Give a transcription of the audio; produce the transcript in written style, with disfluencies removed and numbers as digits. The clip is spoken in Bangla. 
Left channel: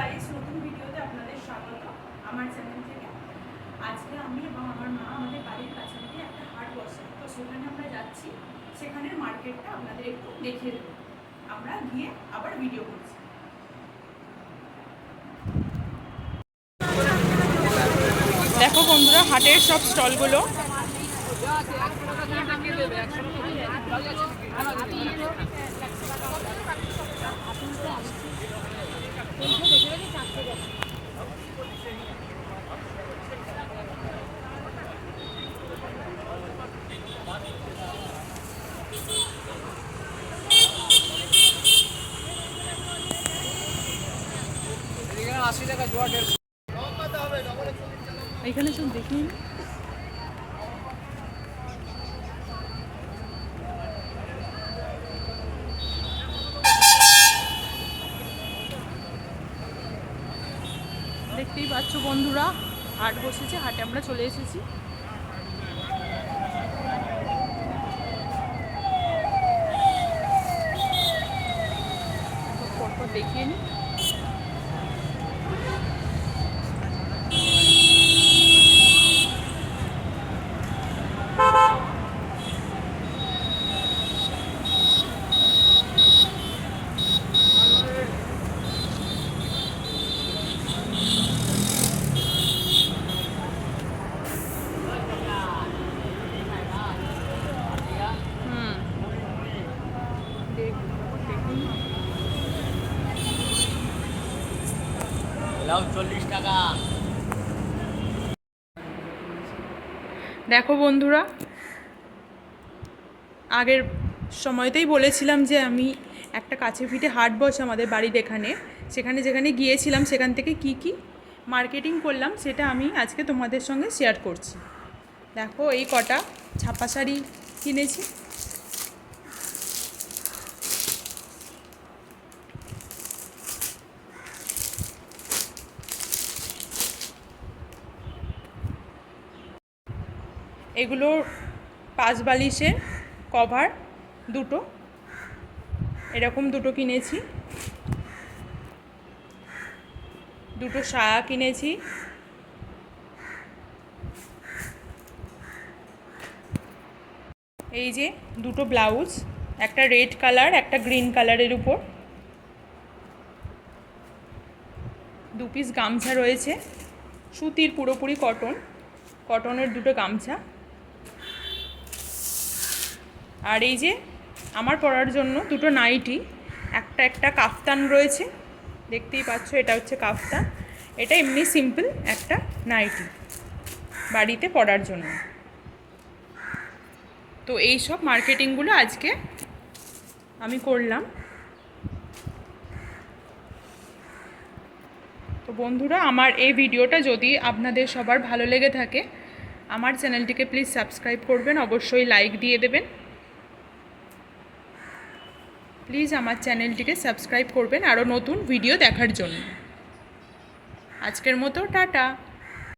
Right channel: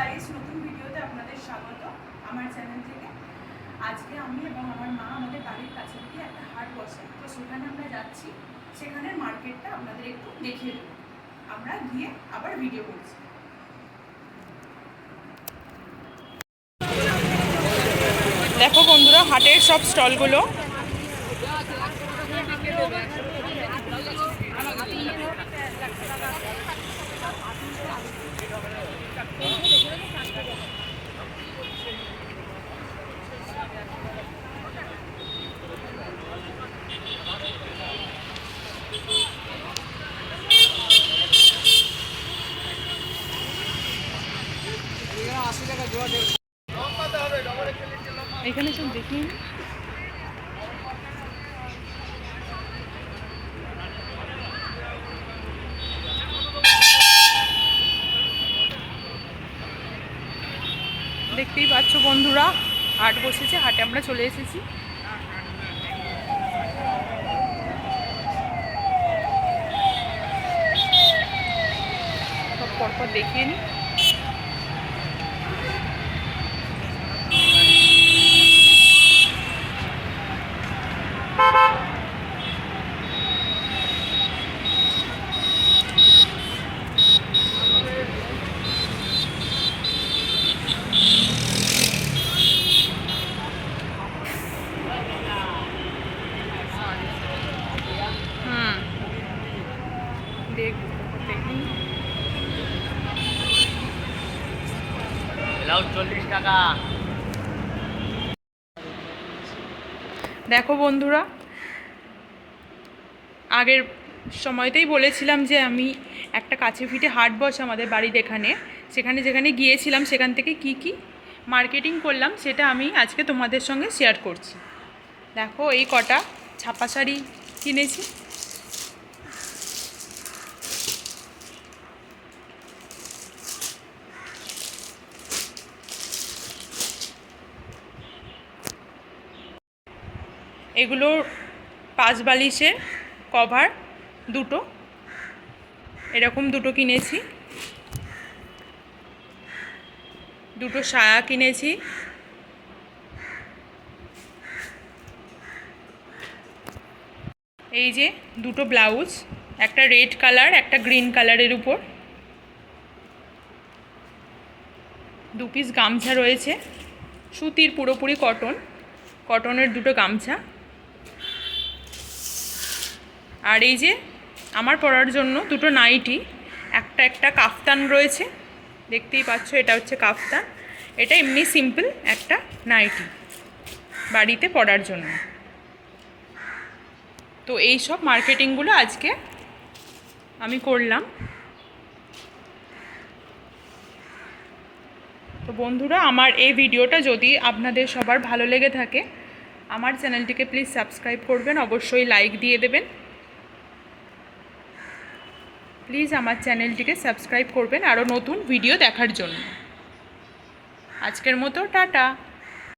গাইস, নতুন ভিডিওতে আপনাদের স্বাগত আমার চ্যানেল থেকে। আজকে আমি এবং আমার মা আমাদের বাড়ির কাছে থেকে একটা হাট বসে, তো সেখানে আমরা যাচ্ছি। সেখানের মার্কেটটা আপনাদের একটু দেখিয়ে দেবো। আমরা গিয়ে আবার ভিডিও করছি। দেখো বন্ধুরা, হাটের সব স্টলগুলো। এখানে সব দেখি দেখতেই পাচ্ছ বন্ধুরা, হাট বসেছে। হাটে আমরা চলে এসেছি। সব পরপর দেখিয়ে নিই। দেখুন, 40 টাকা। দেখো বন্ধুরা, আগের সময়তেই বলেছিলাম যে আমি একটা কাছে পিঠে হাট বসে আমাদের বাড়ির এখানে, যেখানে গিয়েছিলাম সেখান থেকে কি কি মার্কেটিং করলাম সেটা আমি আজকে তোমাদের সঙ্গে শেয়ার করছি। দেখো, এই কটা ছাপা শাড়ি কিনেছি। এগুলো 5 বালিশের কভার দুটো, এরকম দুটো কিনেছি। দুটো সায়া কিনেছি। এই যে দুটো ব্লাউজ, একটা রেড কালার একটা গ্রিন কালারের উপর। 2 পিস গামছা রয়েছে, সুতির, পুরোপুরি কটনের দুটো গামছা। আর এই যে আমার পরার জন্য দুটো নাইটি, একটা কাফতান রয়েছে, দেখতেই পাচ্ছ। এটা হচ্ছে কাফতান, এটা এমনি সিম্পল একটা নাইটি বাড়িতে পরার জন্য। তো এই সব মার্কেটিংগুলো আজকে আমি করলাম। তো বন্ধুরা, আমার এই ভিডিওটা যদি আপনাদের সবার ভালো লেগে থাকে, আমার চ্যানেলটিকে প্লিজ সাবস্ক্রাইব করবেন, অবশ্যই লাইক দিয়ে দেবেন। প্লিজ আমার চ্যানেলটিকে সাবস্ক্রাইব করবেন আরও নতুন ভিডিও দেখার জন্য। আজকের মতো টাটা।